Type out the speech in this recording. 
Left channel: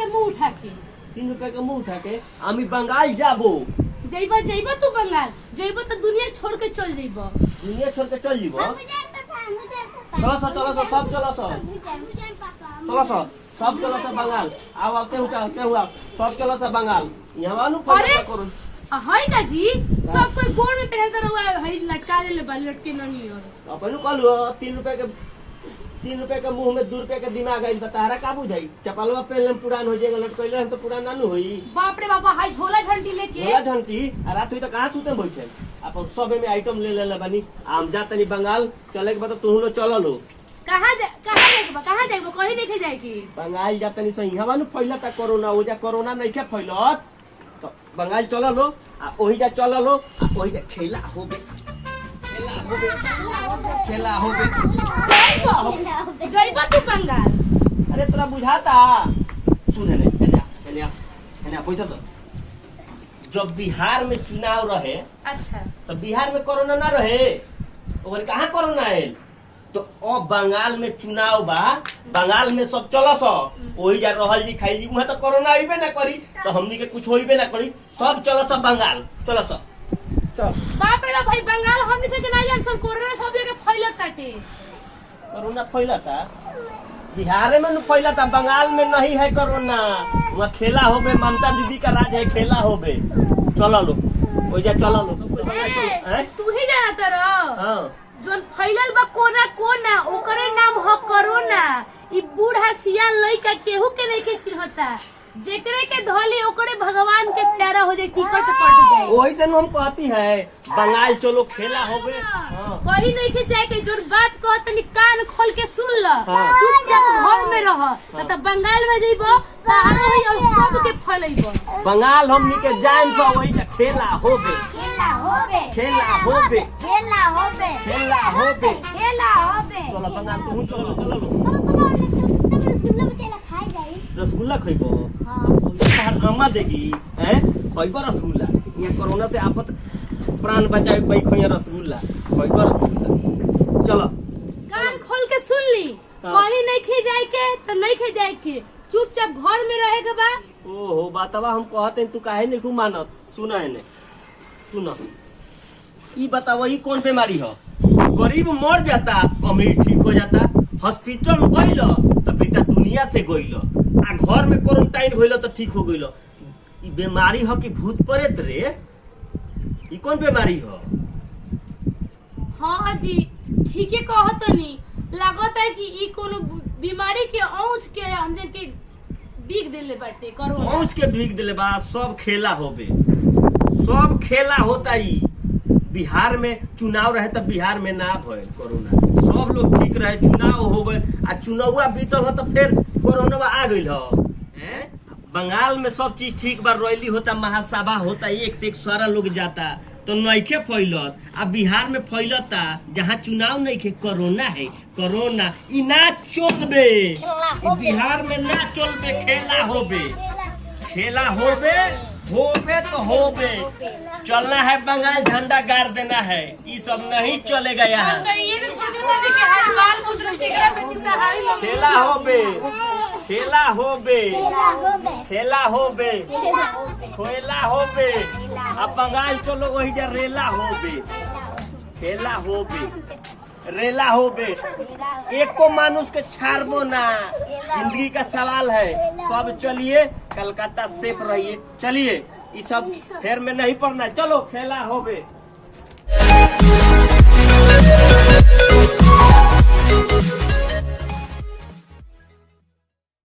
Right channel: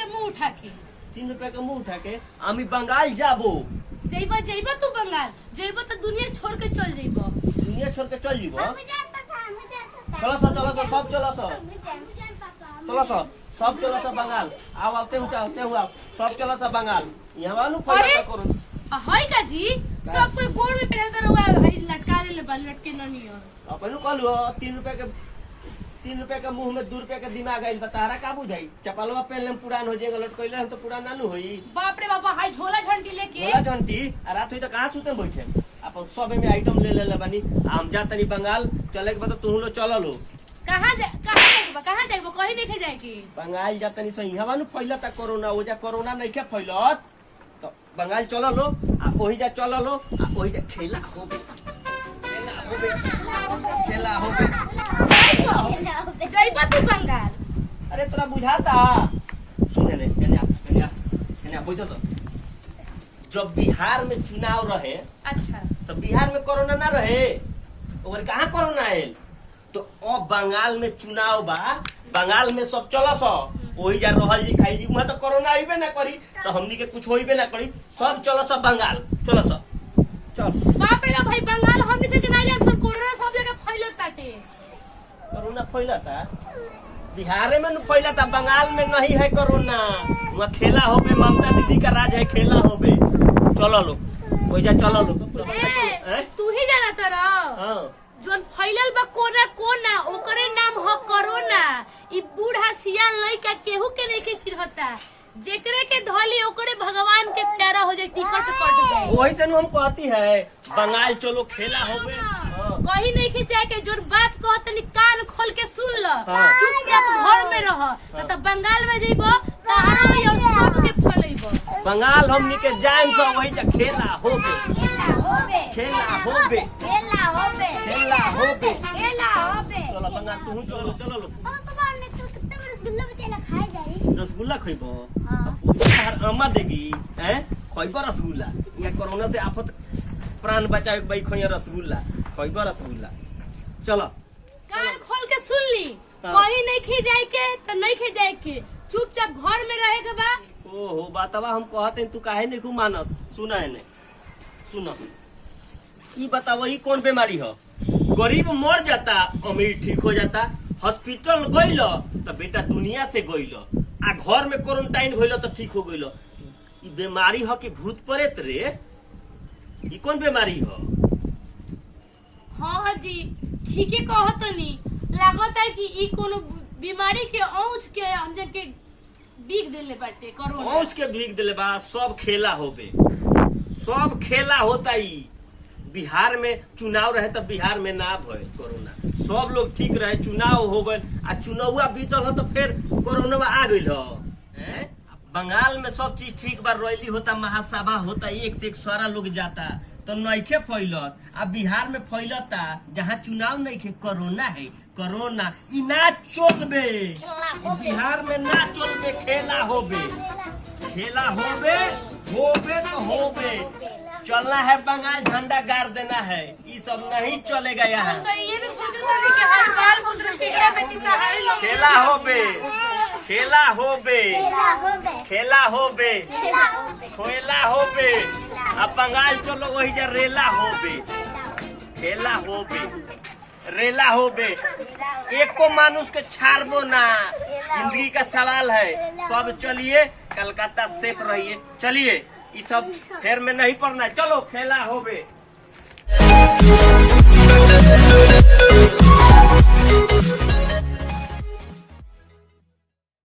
के मुंह उठा के 3 रुपया के मुंह उठा के आमी बंगाल जाबो। जइबा जइबा तू बंगाल जइबा तो दुनिया छोड़ के चल जइबा। दुनिया छोड़ के चल जीबो। चलो सब चलो सब चलो सब चलो सब बंगाल आओ आते हुआ सब चलो सब बंगाल यहाँ नु पैसा करो हाय का जी सब कोई गोड़ में पहनता रहुआ भाई लटका ले लटके नहीं हो अपन कहलु 3 रुपया के मुंह में 2 रुपया के दिमाग है तारा का बुझाई चपलवा पहले पुरान हो जाएगा लटकइले हम तो पुरान नानू होई। बाप रे बाबा हाय झोला झंटी लेके झोला झंटी रात हुई तो कहां सुते बैठे अपन सब में आइटम ले ले बानी हम जातनी बंगाल चले के मतलब तू लो चलो लो कहां जाइबो कहीं देखे जाए की बंगाल जातनी सही हवा नु फैला ता कोरोना हो जा कोरोना नहीं के फैलत तो बंगाल चलो लो आ ओही जा चलो लो आ ओही जा खेला होबे जइबा तू बंगाल। अरे तोरा बुझाता सुन ले कन्या बैठो तो जब बिहार में चुनाव रहे अच्छा तो बिहार में कोरोना ना रहे और कहाँ कोरोना है तो अब बंगाल में चुनाव बा बंगाल में सब चलो सो वही जा रहल जी खाई जी वहाँ तो कोरोना अइबे ना करी तो हमनी के कुछ होइबे ना करी सब चलो सब बंगाल चलो सब चल। बाप रे भाई बंगाल हमनी से नहीं जाम सब कोरोना सब जगह फैलत ताटे कोरोना फैलता बिहार में न फैलता बंगाल में नहीं है कोरोना वहाँ खेला होबे ममता दीदी का राज है खेला होबे चलो लो वही जा चलो लो तू ही जाना तेरा हाँ जोन फैलल बा कोना ओकरे नाम हो कोरोना। ई बूढ़ा सियान लइका केहू के नहीं के चिन्हता जेकरे के धोली ओकरे भगवान के प्यारा हो जाए टिकट कट जाए वही से हम कहती है बंगाल चलो खेला होबे कहीं नहीं के जाए के जोर बात कहतनी कान खोल के सुन ल चुपचाप घर में रह त बंगाल में जइबो त आरो होई और सब के फलइबो बंगाल हमनी के जान सो वही जा खेला होबे चलो बंगाल तू चलो रसगुल्ला खइबो अम्मा देगी हैं खइबो रसगुल्ला यहाँ कोरोना से आफत प्राण बचाए भाई खइया रसगुल्ला खइबो रसगुल्ला चलो कान खोल के सुन ली कहीं नहीं खे जाए के तो नहीं खे जाए के चुपचाप घर में रहे के बा। ओहो बातवा हम कहते तू काहे नहीं मानत सुना है ने सुना ई बताओ ई कौन बीमारी है गरीब मर जाता अमीर ठीक हो जाता हॉस्पिटल गइल तो बेटा दुनिया से गइल आ घर में क्वारंटाइन भइल तो ठीक हो गइल। ई बीमारी है कि भूत प्रेत रे ई कौन बीमारी है? हाँ जी ठीक है कहतनी लागत है कि ई कोनो बीमारी के औंच के हम जन के बीग देले बाटे कोरोना औंच के बीग देले बा सब खेला होबे सब खेला होता ही बिहार में चुनाव रहे तब बिहार में ना भय कोरोना सब लोग ठीक रहे चुनाव हो गए आ चुनावा बीतल हो तो फिर कोरोना आ गइल हो। बंगाल में सब चीज ठीक बार रैली होता महासभा होता एक से एक सारा लोग जाता तो नइखे फैलत आ बिहार में फैलता जहाँ चुनाव नइखे कोरोना है कोरोना ई ना चलबे बिहार में ना चलबे खेला होबे तो होबे चलना है बंगाल झंडा गाड़ देना है ये सब नहीं चलेगा यहाँ खेला होबे अब बंगाल चलो वही जा रेला होबे एक को मानुष के छाड़बो ना जिंदगी का सवाल है सब चलिए कलकत्ता सेफ रहिए चलिए ये सब फेर में नहीं पड़ना चलो खेला होबे।